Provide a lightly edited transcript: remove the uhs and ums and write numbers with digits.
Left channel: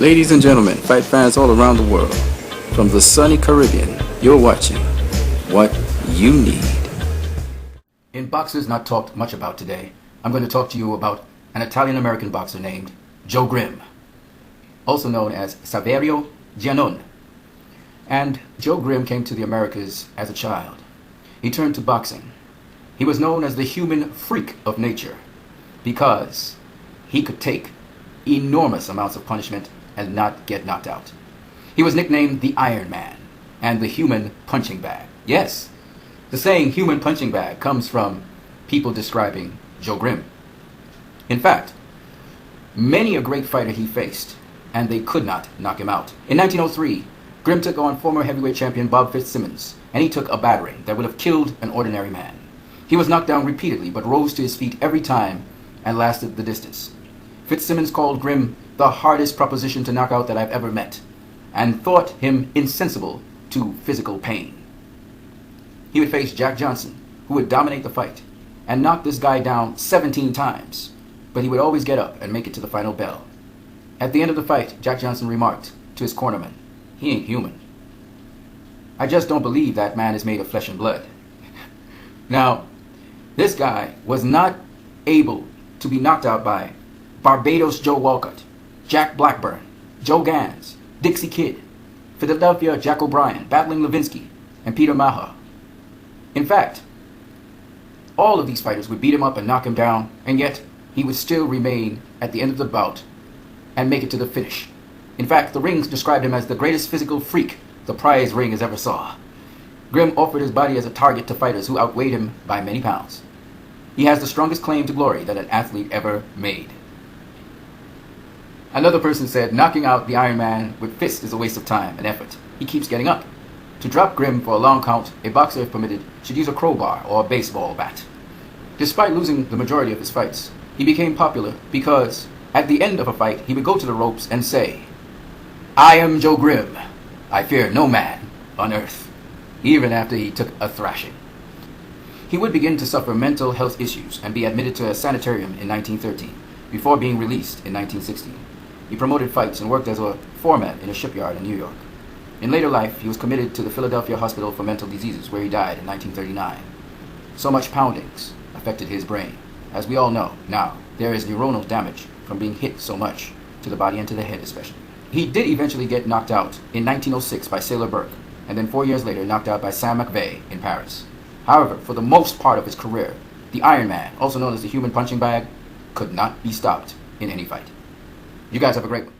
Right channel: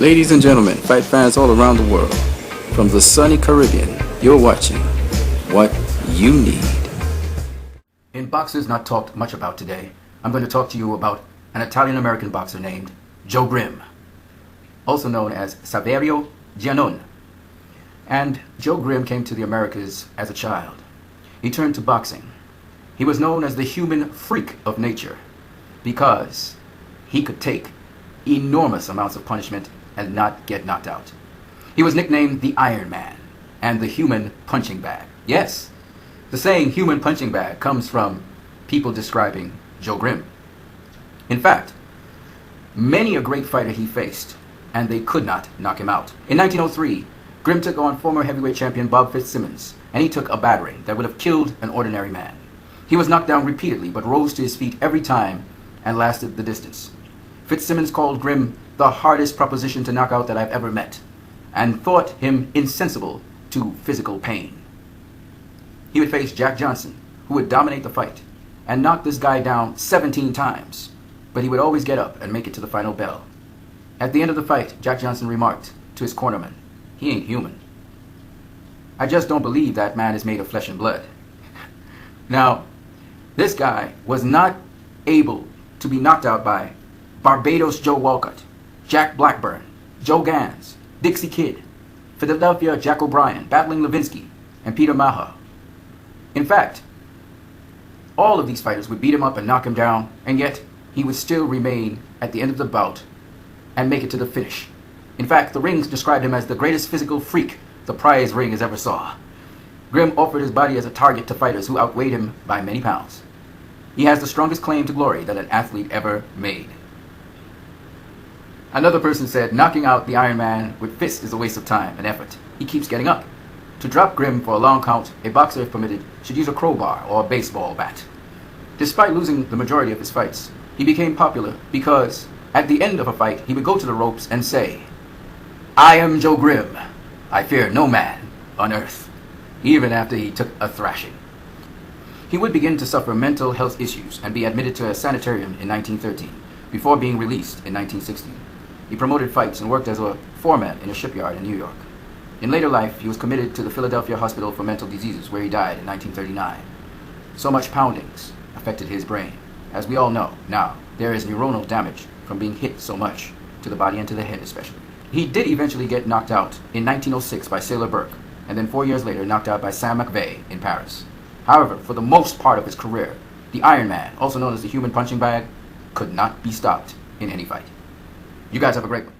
Ladies and gentlemen, fight fans all around the world, from the sunny Caribbean, you're watching What You Need. In boxers not talked much about today, I'm going to talk to you about an Italian-American boxer named Joe Grimm, also known as Saverio Giannone. And Joe Grimm came to the Americas as a child. He turned to boxing. He was known as the human freak of nature because he could take enormous amounts of punishment and not get knocked out. He was nicknamed the Iron Man and the human punching bag. Yes, the saying human punching bag comes from people describing Joe Grimm. In fact, many a great fighter he faced, and they could not knock him out. In 1903, Grimm took on former heavyweight champion Bob Fitzsimmons, and he took a battering that would have killed an ordinary man. He was knocked down repeatedly, but rose to his feet every time and lasted the distance. Fitzsimmons called Grimm the hardest proposition to knock out that I've ever met, and thought him insensible to physical pain. He would face Jack Johnson, who would dominate the fight, and knock this guy down 17 times, but he would always get up and make it to the final bell. At the end of the fight, Jack Johnson remarked to his cornerman, "He ain't human. I just don't believe that man is made of flesh and blood." Now, this guy was not able to be knocked out by Barbados Joe Walcott, Jack Blackburn, Joe Gans, Dixie Kidd, Philadelphia Jack O'Brien, battling Levinsky, and Peter Maher. In fact, all of these fighters would beat him up and knock him down, and yet he would still remain at the end of the bout and make it to the finish. In fact, the rings described him as the greatest physical freak the prize ring has ever saw. Grimm offered his body as a target to fighters who outweighed him by many pounds. He has the strongest claim to glory that an athlete ever made. Another person said, knocking out the Iron Man with fists is a waste of time and effort. He keeps getting up. To drop Grimm for a long count, a boxer, if permitted, should use a crowbar or a baseball bat. Despite losing the majority of his fights, he became popular because at the end of a fight, he would go to the ropes and say, "I am Joe Grimm. I fear no man on earth," even after he took a thrashing. He would begin to suffer mental health issues and be admitted to a sanitarium in 1913, before being released in 1916. He promoted fights and worked as a foreman in a shipyard in New York. In later life, he was committed to the Philadelphia Hospital for Mental Diseases, where he died in 1939. So much poundings affected his brain. As we all know, now, there is neuronal damage from being hit so much, to the body and to the head especially. He did eventually get knocked out in 1906 by Sailor Burke, and then 4 years later knocked out by Sam McVeigh in Paris. However, for the most part of his career, the Iron Man, also known as the human punching bag, could not be stopped in any fight. You guys have a great one.